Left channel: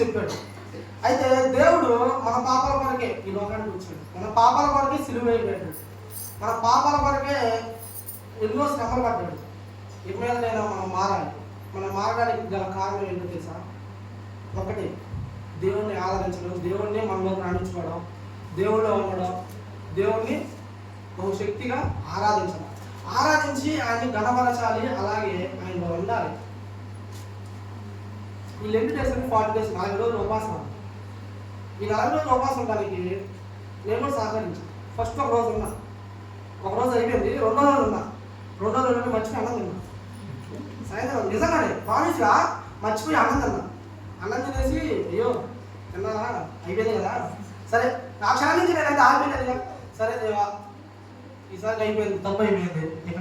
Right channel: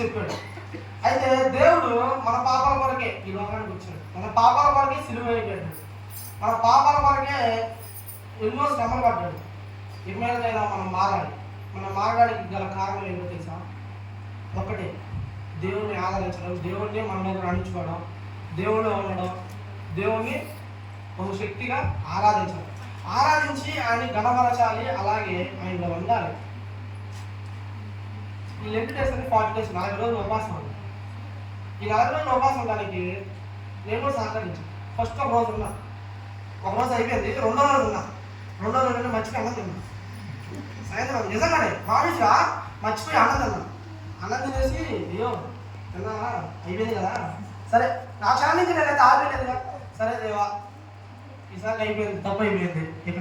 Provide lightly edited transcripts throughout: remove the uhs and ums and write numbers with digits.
చెప్పాడు. అయితే దేవుడు మన పాపాల కొరకే ఈ లోకానికి వచ్చాడు. మన పాపాల కొరకే సిలువ వేయబడ్డాడు. మన పాపాల కొరకే ఎన్నో శ్రమలు పడ్డాడు. ఇక మీదకైనా మనం మారాలి. మనం మారడానికి గల కారణం ఏంటో తెలుసా? ఒకటే, దేవుణ్ణి ఆదరించడం, దేవుణ్ణి మనలోకి రాణించుకోవడం, దేవుణ్ణి ఉండడం, దేవుణ్ణి బహుశక్తిగా ఆరాధించడం. ఆరాధించి ఆయన్ని గణపరచాలి, అలాగే ఆయనలో ఉండాలి. ఈ లెంట్ డేస్ 40 days 40 రోజులు ఉపవాసం ఉంది. ఈ 40 రోజులు ఉపవాసం ఉండడానికి నేను కూడా సహకరించాను. ఫస్ట్ ఒక రోజు ఉన్నా, ఒక రోజు అయిపోయింది. రెండో రోజు ఉన్నా, రెండో రోజు మర్చిపోయి అన్నం తిన్నా. సాయంత్రం నిజంగానే ప్రామిస్గా మర్చిపోయి అన్నం తిన్నా. అన్నం తినేసి అయ్యో తిన్నావా, అయిపోయింది కదా, సరే నా క్షణం నుంచి నేనైతే ఆగిపోయినది కదా, సరే దేవా ఈసారి అయిపోయింది, తప్పు అయిపోయింది, ఇక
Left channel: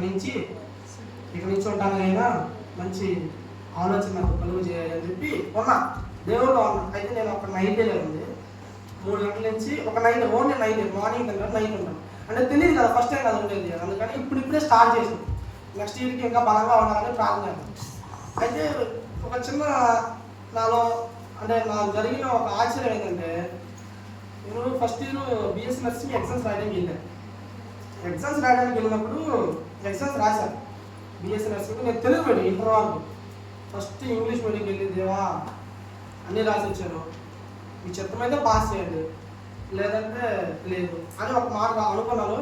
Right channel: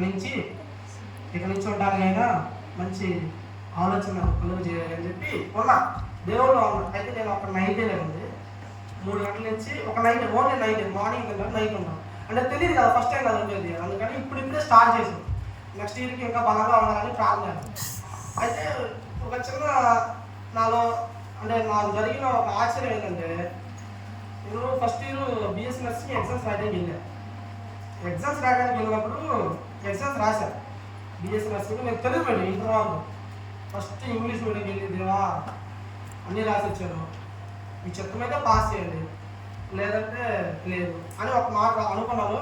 నుంచి ఉండడానికైనా మంచి ఆలోచన నాకు కలుగు చేయాలని చెప్పి ఉన్నా, దేవుళ్ళు ఉన్నా. అయితే నేను ఒక నైటే ఉంది, 3 గంటల నుంచి ఒక నైట్, ఓన్లీ నైట్, మార్నింగ్ తిన్నాను, నైట్ ఉన్నాను. అంటే తెలియదు కదా, ఫస్ట్ టైం కదా ఉండేది, అందుకని ఇప్పుడే స్టార్ట్ చేసాం. నెక్స్ట్ ఇయర్కి ఇంకా బలంగా ఉండాలని ప్రార్థన. అయితే ఒక చిన్న నాలో అంటే నాకు జరిగిన ఒక ఆశ్చర్యం ఏంటంటే, నేను first year BSc nursing exams రాయడానికి వెళ్ళాను. ఎగ్జామ్స్ రాయడానికి వెళ్ళినప్పుడు ఎగ్జామ్స్ రాశాను. బిఎస్సీ నర్సింగ్ నేను తెలుగు మీడియం ఇంటర్ వరకు, ఫస్ట్ ఇంగ్లీష్ మీడియంకి వెళ్ళి దేవా అన్నీ రాసి వచ్చాను, మీ చిత్తమైతే పాస్ చేయండి, లేదంటే లేదు అని ఒక మాట అనుకున్నాను.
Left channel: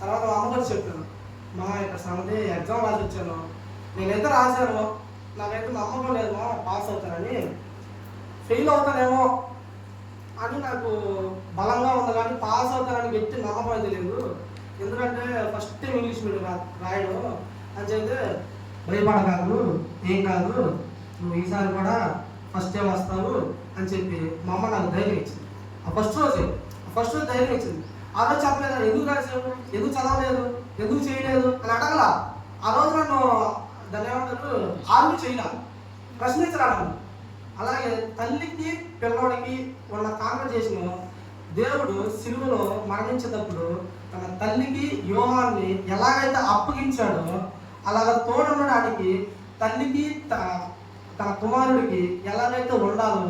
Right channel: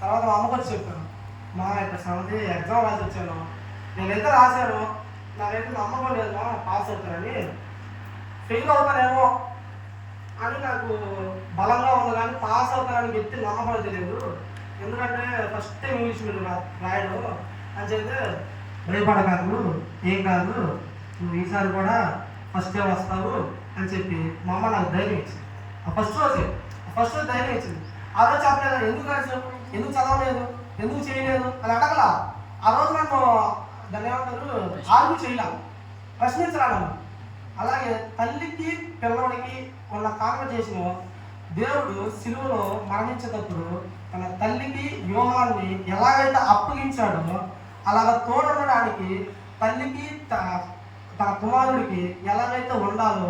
తర్వాత మా అమ్మగారు చెప్పాను, మా ఇక్కడ సంగతి ఎగ్జామ్ రాసి వచ్చాను, నేనైతే రాశాను, నాకైతే నమ్మకం లేదు మా పాస్ అవుతానని, ఫెయిల్ అవుతానేమో అని నాకు బలంగా ఉంది, కానీ పాస్ అవుతానని గట్టి నమ్మకం అయితే లేదు. ఎందుకంటే ఫస్ట్ టైం ఇంగ్లీష్ మీడియం రాయడం అని చెప్తే, భయపడకాదు, ఏం కాదు, నువ్వు ఈసారి కూడా ఫస్ట్ టైం వస్తావు అని చెప్పి మా అమ్మ నాకు ధైర్యం ఇచ్చింది. ఆ ఫస్ట్ రోజు ధైర్యం ఇచ్చింది. ఆ రోజు చెప్పలేదు, ఎందుకు రాసావు, ఎందుకు చదవలేదు, ఎందుకు చేయలేదు అని అడగలా. ఆ రోజు నన్ను దాన్ని ఏమంటారు ఆర్గ్యూ చేయలా, ప్రశ్నించలా నన్ను. అలాగే తల్లికి పిల్లవాడికి ఉన్న కాన్వర్జేషన్ దేవుడు సిలువలో మరణించేటప్పుడు తన తల్లికి యోహాన్ని ఎలాగైతే అప్పగించాడో, అలాగ తోడుండడానికి తల్లికి తన కుమారుడికి ఎలాగైతే ఉండాలో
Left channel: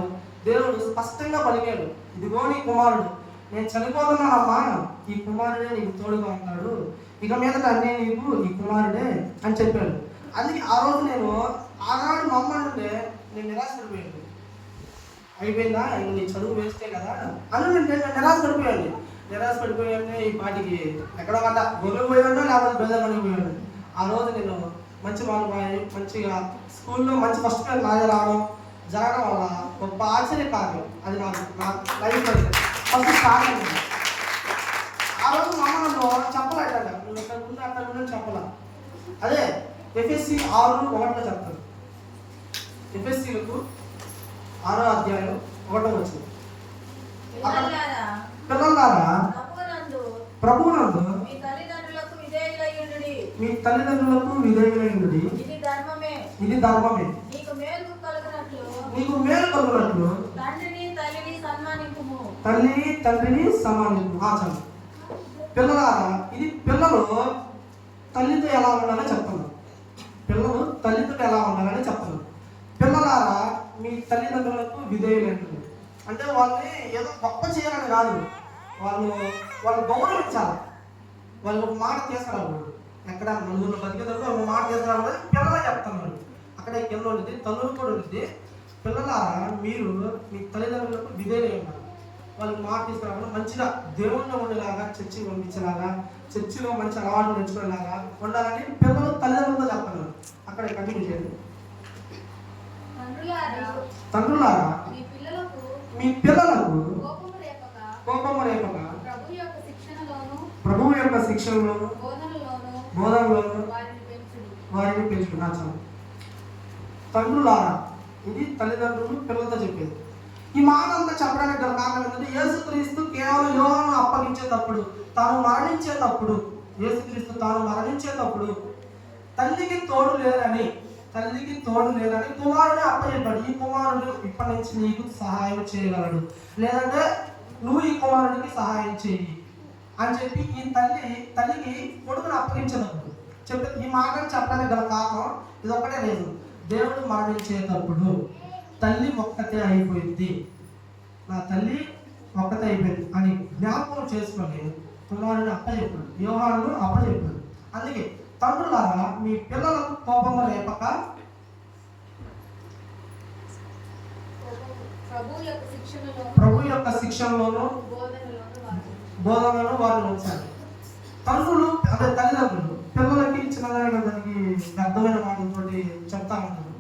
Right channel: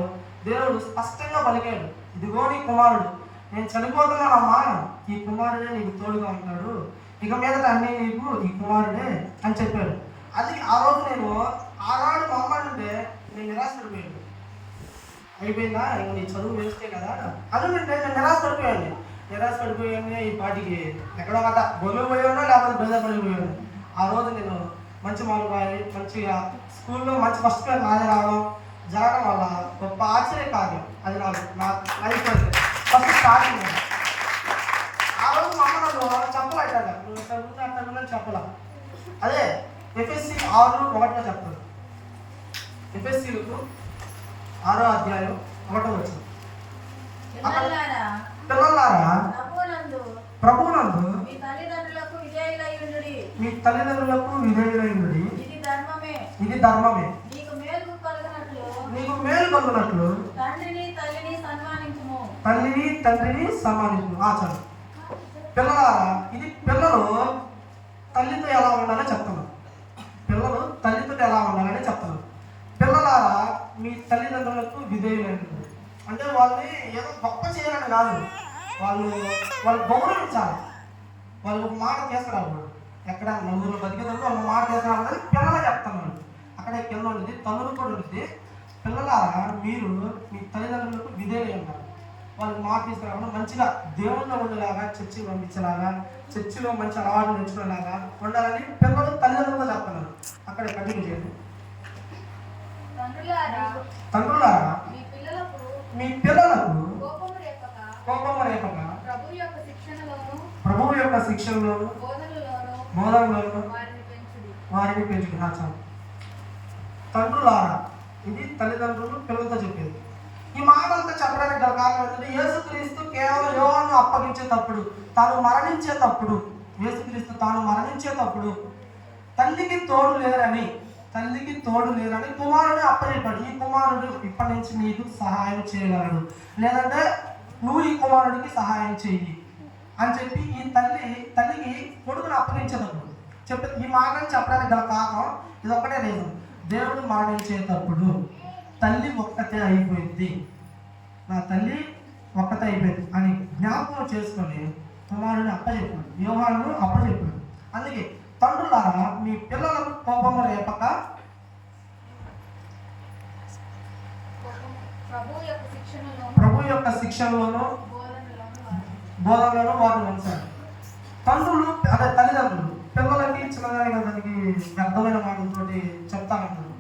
దేవుడు స్పష్టంగా పలికాడు. ఇదిగో నీ కుమారుడు, నేను చనిపోతున్నానమ్మా, ఈ కుమారుడే నీకు తోడుగా ఉంటాడు, ఇక మీదట అన్నీ నీకు ఈ కుమారుడే అని చెప్పాడు. అందుకే ఆ రోజు నేను ఆనాడు మా అమ్మ అంటే నేను నిరాశపడిపోయాను. అయిపోయిందా, ఇంక నీ చదువు వేస్తే కదా అని నేను నిరాశపడిపోయాను. ఈ పాటికి ఎక్కడో గట్ట గొల్లిపోయాను, లేకపోతే బెదపడిపోయాను. ఆ రోజు నేను మంచి మార్కులు రాయి మంచిగా స్కూల్లో మంచి ఫస్ట్ క్లాస్ నాదే రావడం జరగడం వల్ల గొప్ప ఆశ్చర్య కార్యం. అది నా లైఫ్ అయితే ఫస్ట్ స్టార్టింగ్. ఆ రోజు మా అమ్మ నన్ను చెప్పలేట, నువ్వు ఇక్కడ ముందు అక్కడ ఉందని చెప్పలా. అదే ఎఫ్ఎస్సి 6:1 చెప్తాను. ఎఫ్ఎస్సీలకు 6వ అధ్యాయం 1వ వచనం. పిల్లలారా ప్రభువునందు మీ తల్లిదండ్రులకు విధేయులైయుండుడి, ఇది ధర్మమే. నీకు మేలు కలుగునట్లు తల్లిని తండ్రిని సన్మానించుము. చాలు పిల్లలారా, ఇది పిల్లలు తల్లితో ఎలా ఉండాలని చెప్తున్నాను. పిల్లలు తల్లితో ఎలా ఉండాలని చెప్తున్నాను. పిల్లలారా, మీ తల్లిదండ్రులకు విధేయులైంది అంటే వాళ్ళని ఏదో గొప్ప చేయాలని కాదు, వాళ్ళు గౌరవించాలి. వాళ్ళు ఒక మాట తీసుకురాకూడదు. ఎక్కడ నలుగురు బతికేటప్పుడు ఒక మాట తీసుకురాకూడదు. పిల్లలే చెప్తున్నారు, అక్కడే కింద ఉంటుంది, తల్లులు కూడా ఉంటుంది. పిల్లలారా, మీరు మీ తల్లిదండ్రులకు విధేయులై ఉండాలి. వాళ్ళకి మాట తీసుకురాకుండా మంచిగా దేవుళ్ళలో ఉండేలాగా, చర్చికి పంపించేలాగా, చర్చిలో మంచి అలవాటు పెంచుకునేలాగా ఉండాలని పిల్లలు తల్లిదండ్రులతో చెప్తున్నారు. అక్కడ కంటిన్యూ చేయండి. తండ్రులారా, మీ పిల్లలకు కోపము రేపక ప్రభువు యొక్క శిక్షణలోను బోధనలోను వారిని పెంచుకున్నాను. తండ్రులారా, ఇది తల్లిదండ్రులు పిల్లలతో చెప్పేది. ఈ మాట అంతా చెప్పడానికి గల కారణం ఏంటంటే, యేసుక్రీస్తు కేవలం యోహాను అప్పగించేటప్పుడు, తాను మరణించేటప్పుడు తల్లికి తోడు లేరని కుమారుడు అప్పచెప్పాడు. ఈ కుమారుడు ఇప్పటి నుంచి నీకు సహాయం చేయగలడు, లేదంటే నువ్వు ఈ కుమారుడికి సహాయం చెయ్యి అని చెప్పి ఈ తల్లికి కొడుకుని అప్పగించేటప్పుడు ఈ మాటను చెప్పడానికి గల కారణం ఇది ఒక్కటే లేదు. దేవుడు మరణించేటప్పుడు తల్లి ఒక్కతే అయిపోయింది, నా తల్లి ఒక్కతే అయిపోయింది అని జ్ఞాపకం చేసుకొని కుమారుని అప్పచెప్పాడు, యోహాను అప్పచెప్పాడు. అందుకే తండ్రులారా మీ పిల్లలకు కోపము రేపక ప్రభు యొక్క శిక్షణలోను బోధనలోను వారిని ఉంచారు. తండ్రులు అదే తల్లిదండ్రులు పిల్లలకి చిన్నదానికి దానికి అర్థమైన మాటలతోటి చెప్తా ఉంటారు.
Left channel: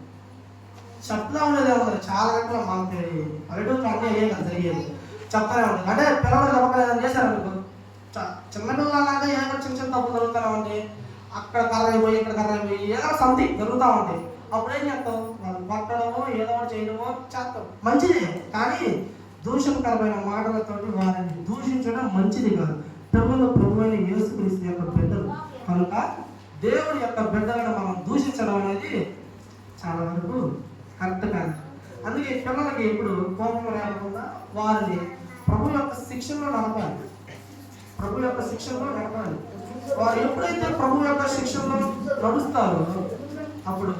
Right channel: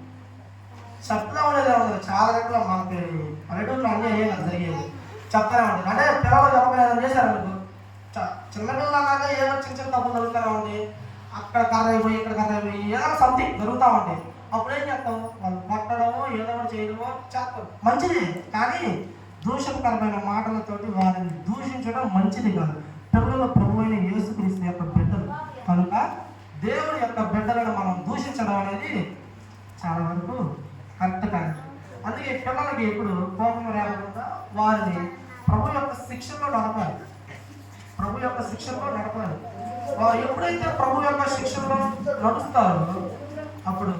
చెప్తా ఉండేది ఉంటారు చాలా రకాల మనకి పల్లెటూరులో అన్నీ అయ్యే కదా జరిగేది, చెప్తానే ఉంటుంది. అంటే పిల్లలు చెప్పలేదు చేశారు మీకు చిన్నపిల్లలు అంటే ఏదో చిన్న చిన్న తప్పులు జరుగుతూనే ఉంటాయి, అక్కడ కర్ర అయిపోయి ఇక్కడ కర్ర అయిపోయి ఏదో సంథింగ్ జరుగుతూ ఉంటాయి. అప్పుడు ఏం చేస్తాం, వాళ్ళు కొట్టడమో ఏదో ఒకటి చేయడమో చేస్తాం, మంచిది. కానీ దూషణకరమైన మాటలతోటి వారిని దూషించడం మంచిది కాదు. పిల్లలు ప్రభు అయిన యేసుక్రీస్తు యొక్క బిడ్డలు కనుక దేవుడి యొక్క బిడ్డలను మనం దూషించడం అనేది చాలా వరకు కరెక్ట్ కాదు. అందుకే పిల్లలకి ఎప్పుడు కోపం లేకుండా వారిని ప్రభు యొక్క శిక్షణలో నడపాలి, ప్రభు యొక్క శిక్షణలో నడపాలి. వారు ఎప్పుడైతే ప్రభు యొక్క శిక్షణలో నడుస్తారో అప్పుడు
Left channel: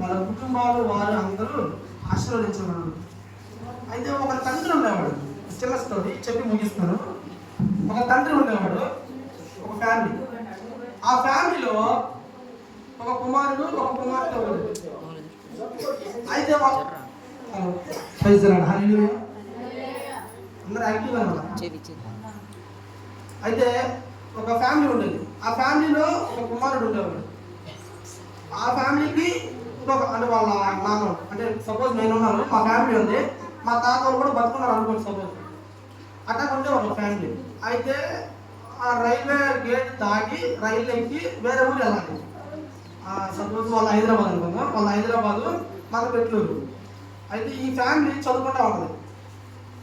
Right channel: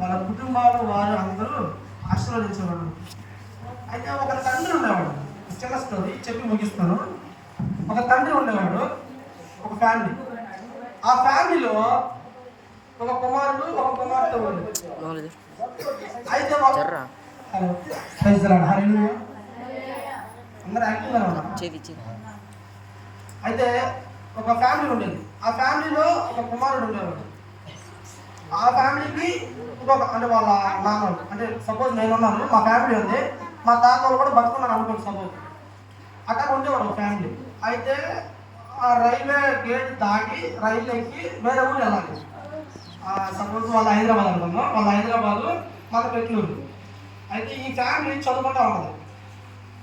వాళ్ళ కుటుంబాలు వారు అందరూ ఆశీర్వదించేవాళ్ళు. అయితే ఒక తండ్రి ఉండేవాడు, చిన్న స్టోరీ చెప్పి ముగిస్తాను. ఒక తండ్రి ఉండేవాడు, ఒక ఫ్యామిలీ. ఆ ఫ్యామిలీలో ఒక కుమారుడు ఒక కుమార్తె ఉంది. అయితే అందరూ యాక్టివ్గానే ఉన్నారు. అయితే ఒక ఫ్యామిలీ ఉండేది. ఆ ఫ్యామిలీలో ఒక కుమారుడు ఉండేవాడు. ఆ ఫ్యామిలీకి ఇంకొక అంటే వాళ్ళ నాన్న అంటే సపోజ్ నేను ఉన్నాను, మా ఫ్యామిలీ ఉంది, మా తాత వాళ్ళు కూడా బతుకున్నారు అనుకోండి సపోజ్. అట్లా ఉండేవారు ఒక ఫ్యామిలీ. అయితే రైల్వే గేట్ దాటి రైలు ఎక్కి వేరే ఊరు వెళ్ళాలి. సపోజ్ వాళ్ళ హైదరాబాద్ అనుకుందాం, వాళ్ళ హైదరాబాదు మన పెట్లూరు. అయితే ఈ ఫ్యామిలీ చదువుకుంటా ఉంటుంది.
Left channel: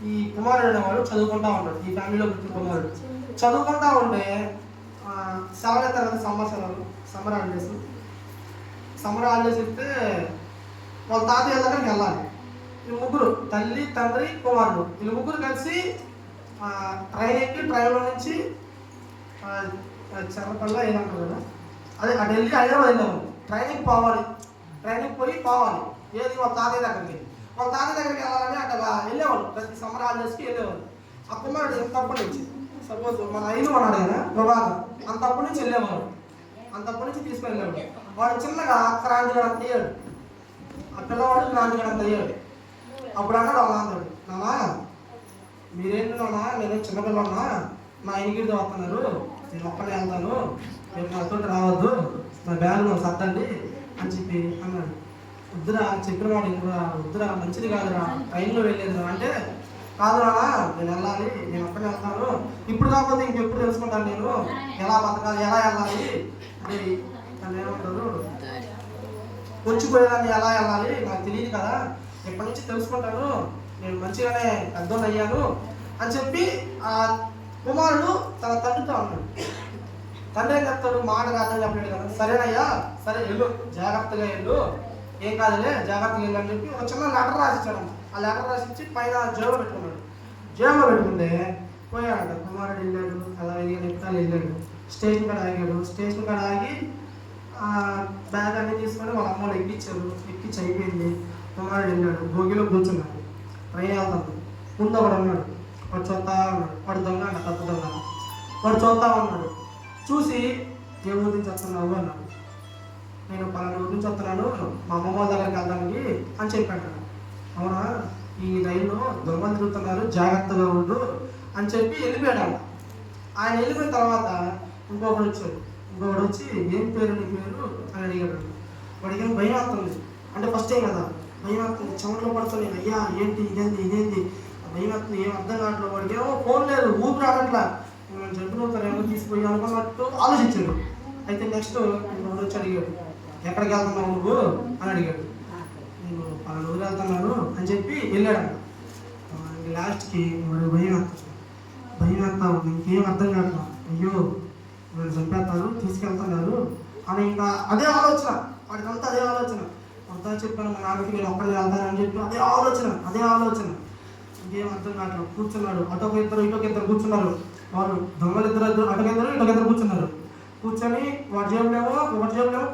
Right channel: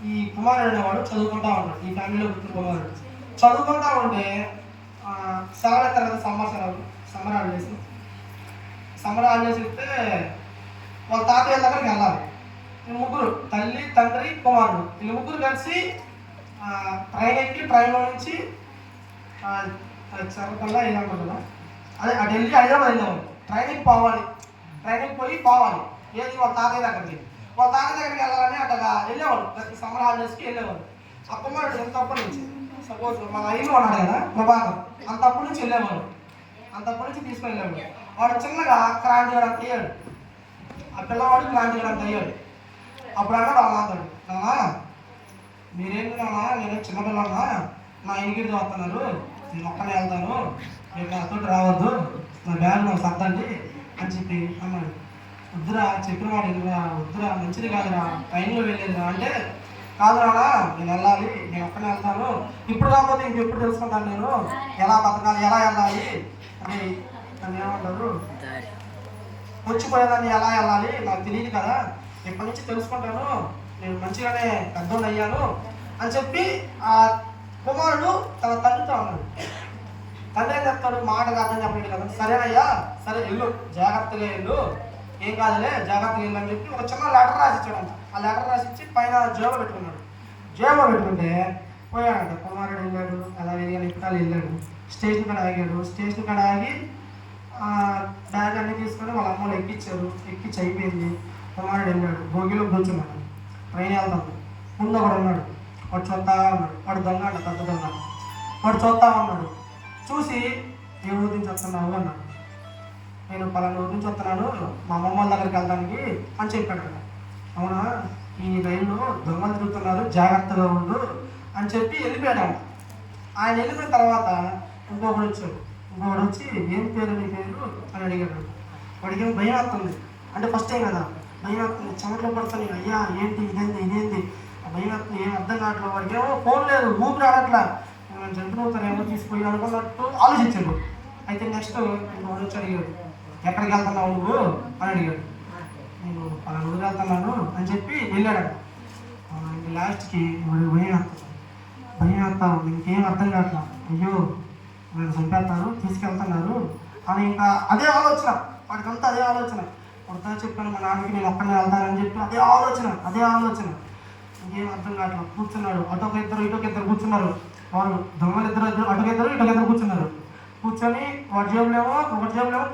ఈ కుమారుడు అనేవాడు చదువుకుంటా ఉంటాడు. ఈ ఫ్యామిలీలో పుట్టిన కుమారుడు చదువుకుంటా ఉంటే సెలవు తరగతి సమ్మర్ హాలిడేస్ ఇస్తే వాళ్ళ తాతయ్య దగ్గరికి వెళ్ళాలి. వీళ్ళు ముగ్గురు తల్లి తండ్రి కుమారుడు వీళ్ళు ముగ్గురు కలిసి ట్రైన్ ఎక్కి ట్రైన్లో నుంచి చరపల్లా ఏదంటారు కదా అదే అటు వెళ్ళి హైదరాబాద్ వెళ్ళేవాళ్ళు. ట్రైన్కి పోవాలి ఏది వాళ్ళ తాతయ్య దగ్గరికి. వాళ్ళ తాతయ్య దగ్గరికి వెళ్ళాలని అట్టగా వెళ్ళేవాళ్ళు, ప్రతి సమ్మర్ హాలిడేస్కి వెళ్ళేవాళ్ళు. ఆ కుమారుడు ఎంతప్పటి నుంచి సపోజ్ మన ఐదు అన్నాడు కదా ప్రభాకర్, అంతప్పటి నుంచి వెళ్ళేవాళ్ళు, అంతప్పటి నుంచి తీసుకుని వెళ్ళేవాడు. వాడు చిన్నగా క్రాంతిగడంత అయ్యాడు, ఆ పిల్లవాడు క్రాంతిగడంత అయ్యాడు. అప్పుడు అన్నాడు వాళ్ళ నాన్నడు, నాన్న మీరేంటి నాన్న, నేను చిన్నపిల్లన్నా, నా ఎనికిడితో వస్తున్నారు, నేను ఒక్కనే వెళ్తాను, మీరు నాతో రావద్దు, నా బ్యాగ్ నాకు సర్దండి అని చెప్పి అన్నాడు. వద్దురా చెప్పిన మాట ఎందుకురా, వద్దురా మంచిది కాదురా, ట్రైన్లో వెళ్ళేదిరా అంటే, కాదు నాన్న నేను వెళ్ళాలి, నేను ఒక్కనే వెళ్తాను, ఇప్పుడు కాకపోతే ఇంకెప్పుడు తెలుసుకుంటాను నేను ఎలా బతకాలి ఎలా వెళ్ళాలి అని. నన్ను ఏమంటారు వచ్చిపోయేదాన్ని ఎలా వెళ్ళాలి నాకు తెలియదు కదా, ఎప్పటి నుంచి తెలుసుకుంటాను, నేను మంచిగానే పెద్దోళ్ళు అయ్యాను అని చెప్పి ఆ కుమారుడు తన తండ్రితో అన్నాడు. తండ్రి ఏం చెప్తాడు, మాట అర్థం చెప్పలేడు కదా, సరేనయ్యా సరే వెళ్ళు జాగ్రత్తగా వెళ్ళు, ఏం కాదులే జాగ్రత్తగా వెళ్ళు అని చెప్పి ఒక చిన్న లెటర్ రాసిచ్చాడంట. ఆ లెటర్ రాసిచ్చి పైన జేబులో పెట్టుకున్నాడు. జేబులో పెట్టుకుంటే పోయాడంట. కుమారుడు వెళ్ళాడు, అలా ఎక్కాలి వెళ్ళాడు, స్టేషన్ కాడ ఆగాడు. స్టేషన్ కాడ ఆగి బ్యాగ్ అన్నీ తీసుకొని వాళ్ళ అమ్మలు ఎక్కించారు. ఎక్కించి అయిపోయింది. కుమారుడు వెళ్ళాడు, భోగిలో కూర్చున్నాడు. ట్రైన్ వెళ్తాం, ముందు ఒకడు ఉన్నాడు, వాడు చూస్తా ఉన్నాడు. వాడు దొంగ అంట, పెద్ద దొంగ. వాడు చూస్తా ఉన్నాడు. చూసి ఏ ఊరి నుంచి వస్తున్నావు అన్నాడు. నేను పలానా ఊరి నుంచి వస్తున్నాను, మా అమ్మమ్మ వాళ్ళ దగ్గరికి వెళ్ళడానికి అని చెప్పాడు. అవునా, ఈ రైల్లో దొంగలు తిరుగుతున్నారు, జాగ్రత్తగా ఉండు అని చెప్పి వెళ్ళిపోయాడు. ఆయన వెళ్ళిపోయిన తర్వాత ఇంకొకడు వచ్చాడు. ఇంకొకడు వచ్చి ఏం పేరు నీ పేరు అని అడిగాడు. వాడికి ఏం భయం వస్తుంది, అంటే ఫస్ట్ టైం కదా భయం వస్తుంది, చెమట్లో పడుతుంది. అయ్యా ఏంటి ఇదేంది ఆ భయం వస్తుంది, ఏం అర్థం కావట్లేదు. వాడికి ఏమో ఫోన్ లేదు, ఊపిరి ఆడట్లా, నేను చెప్పినవుతారేమో తీసుకుపోయి అనుకున్నట్టు ఆలోచించాడు. అయితే నెక్స్ట్ ఇంకొకడు వచ్చి అడిగాడు, ఎక్కడికి వెళ్తున్నావు నువ్వు అని అడిగాడు. నేను పలానా ఊరు వెళ్తున్నాను అని చెప్పి వెళ్ళాడంట. లాస్ట్కి వాడు భయం వేస్తాను ఇంకేం అర్థం కావట్లా, అయ్యో నేను చంపేస్తాను తీసుకెళ్తున్నారు అని ఇంకా అదే ఆలోచన వాడికంతా. అదే ఆలోచన వాడితో చెప్పాను మా నాన్నకి నేను ఒక్కనే వెళ్తానని చెప్పి అదే ఆలోచన ఇంకేం అర్థం కావట్లేదు. కూర్చున్నాడు, ఇటొక ఇద్దరు కూర్చున్నారు. వారు దొంగలు ఇద్దరు ఇటొకిద్దరు కూర్చున్నారు. కూర్చొని ఒకటి జేబులేమో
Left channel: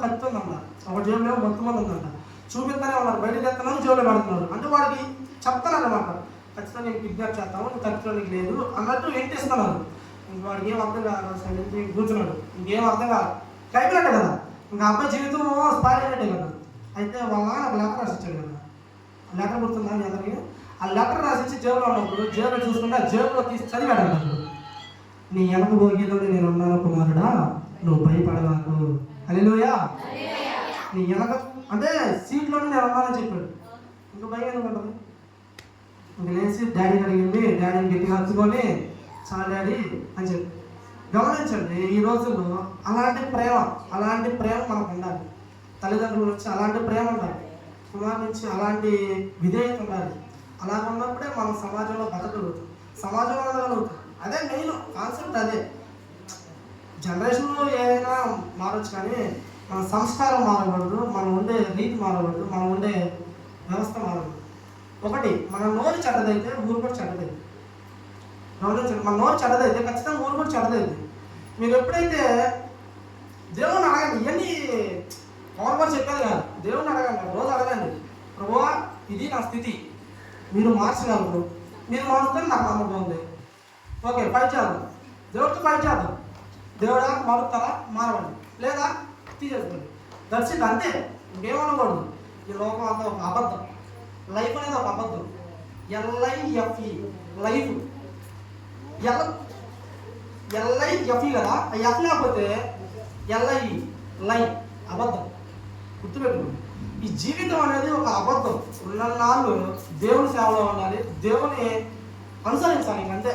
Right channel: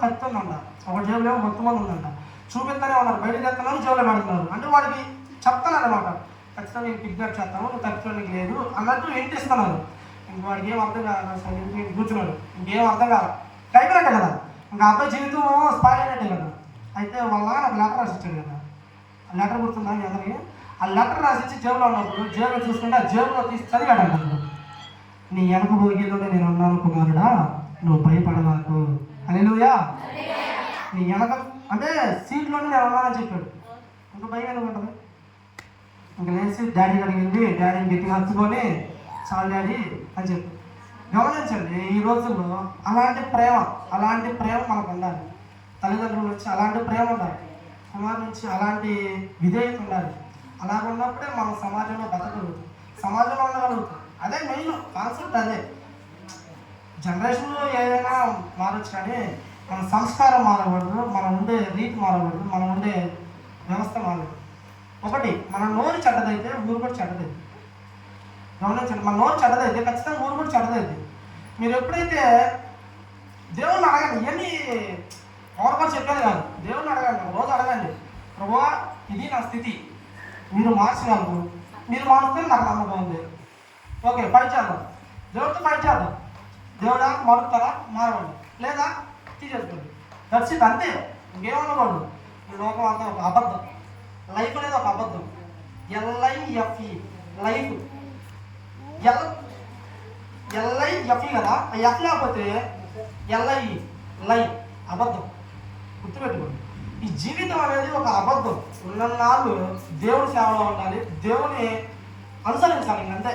కత్తి ఉందంట, ఒకటి జేబులేమో మొత్తం మంది ఉందంట. చూపిస్తూనే ఉన్నారు, బయటకు వెళ్తున్నారు, జేబులో పెడుతున్నారు. అంటే వాడికి చెప్తాను అన్నమాట, ఖచ్చితంగా నేను కిడ్నాప్ చేస్తాము, నువ్వు తప్పించడానికి లేదు అన్నట్టు ఏంటి ఇస్తున్నారు. ఇంక వాడికి ఏం అర్థం కాదు, సైలెంట్ కూర్చున్నాడు, ఇంకేం అర్థం కాదు, అయిపోయినట్టే కదా, ఇంకా అబ్బాయి జీవితం స్పాయిల్ అయినట్టే కదా. అయితే వాళ్ళ నాకు లెటర్ రాసి ఇచ్చాడు కదా, ఆ లెటర్ గుర్తుందా మీ అందరికీ? ఆ లెటర్ రాసి ఇచ్చి జేబులో ఉన్నప్పుడు జేబులో చూసుకుంటే ఆ జేబులో తీసి చదివాడు అన్నాడు, నీ వెనక భోగిలోనే నేను ఉన్నాను కుమారుడా, నువ్వు భయపడవాకు. హల్లెలూయా. నీ వెనక అంటే సీట్లోనే నేను ఉన్నానని చెప్పాడు. ఇంకా భయం ఎందుకుంటుంది? ఇంకా లేచి డాడీ అడిగింది, డాడీని గట్టిగా హత్తుకొని చాలు డాడీ అని చెప్పి. గమనించండి, ఈ రోజుల్లో అలాంటి ప్రేమ మనకు ఉండాలి. తల్లిదండ్రుల నుంచి అలాంటి ప్రేమ ఉండాలి, కుమారు నుంచి అలాంటి విధేయత ఉండాలి. అలాగ ఉన్నప్పుడే మనం సమాజంలో బతకగలుగుతాం, సమాజంలో ఉండగలుగుతాం. అదే మెయిన్ కాన్సెప్ట్. అదే జనరేషన్లో ఏదైనా మారచ్చు, కానీ మన సంస్కారం మారకూడదు, మనం ఉండే రీతి మారకూడదు, మనం ఉండే వ్యవస్థ మారకూడదు. ఒకటి, మన నోరు చెడ్డదైతే ఊరు కూడా చెడ్డదైంది. గమనించండి, మన నోరు చెడ్డదైతే ఖచ్చితంగా ఊరు కూడా చెడ్డదైంది. మీరు ఎప్పుడైతే దేవుణ్ణి అడగండి, ఇవన్నీ ఎవరు కూడా చెప్పేది కాదు, దేవుణ్ణి అడగండి, రోజు అడగండి, ప్రభువా ఇది నా స్థితి, మీరు మార్చగలరు, మీరు మారుస్తే నాకు నమ్మకం ఉంది, ఓకే ఫైట్ చేద్దాం, దేవుడితో ఫైట్ చేద్దాం, దేవుడా మారుతారా, మారవండి, లేదా తీసేసుకోండి, దట్స్ ఇట్, అంతే. ఇంకేమనకూడదు. ఈ లోకం అంతా ఒక అబద్ధం, లైఫ్ అనేది ఒక అబద్ధం. LIFE లైఫ్, LIFE కదా, ఎఫ్ లేకపోతే LIE లై, అబద్ధం. గుర్తుపెట్టుకోండి, ఈ జీవితం అనేది ఒక అబద్ధం. ఉన్ననాళ్ళు దేవుని సేవలో ఉండాలి, దేవుని అనుసరించాలి, అంతే.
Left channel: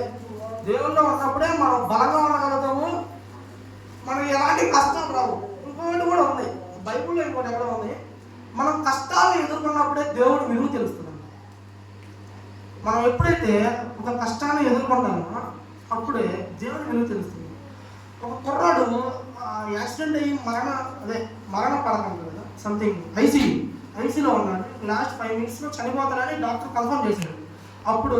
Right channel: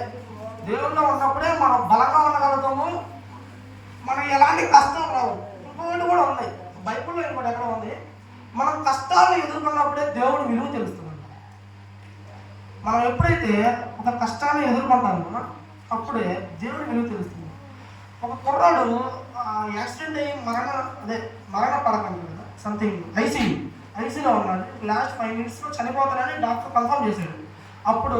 దేవుల్లో ఉన్నప్పుడే మనం బలంగా ఉండగలుగుతాము, మనకి ఎలాంటి కష్టం రావు. ఇంకోటి కూడా ఉంది బైబిల్లో, ఇంకోటి ఎక్కడ ఉంది, మనం కష్టాలను ఎదుర్కొన్నప్పుడే దేవుడు విలువ తెలుస్తుందంట. మనం ఎప్పుడైతే ఒక కష్టాన్ని ఎదుర్కొంటామో అప్పుడే దేవుడి విలువ తెలుస్తుంది. ఒక కుర్రాడు యాక్సిడెంట్ అయ్యి మరణ పడకండి కదా, సంథింగ్ ఐసీలో ఉన్నాడు, లాస్ట్ 5 minutesలో చనిపోతాడని డాక్టర్ కన్ఫర్మ్ చేశాడు. అప్పుడు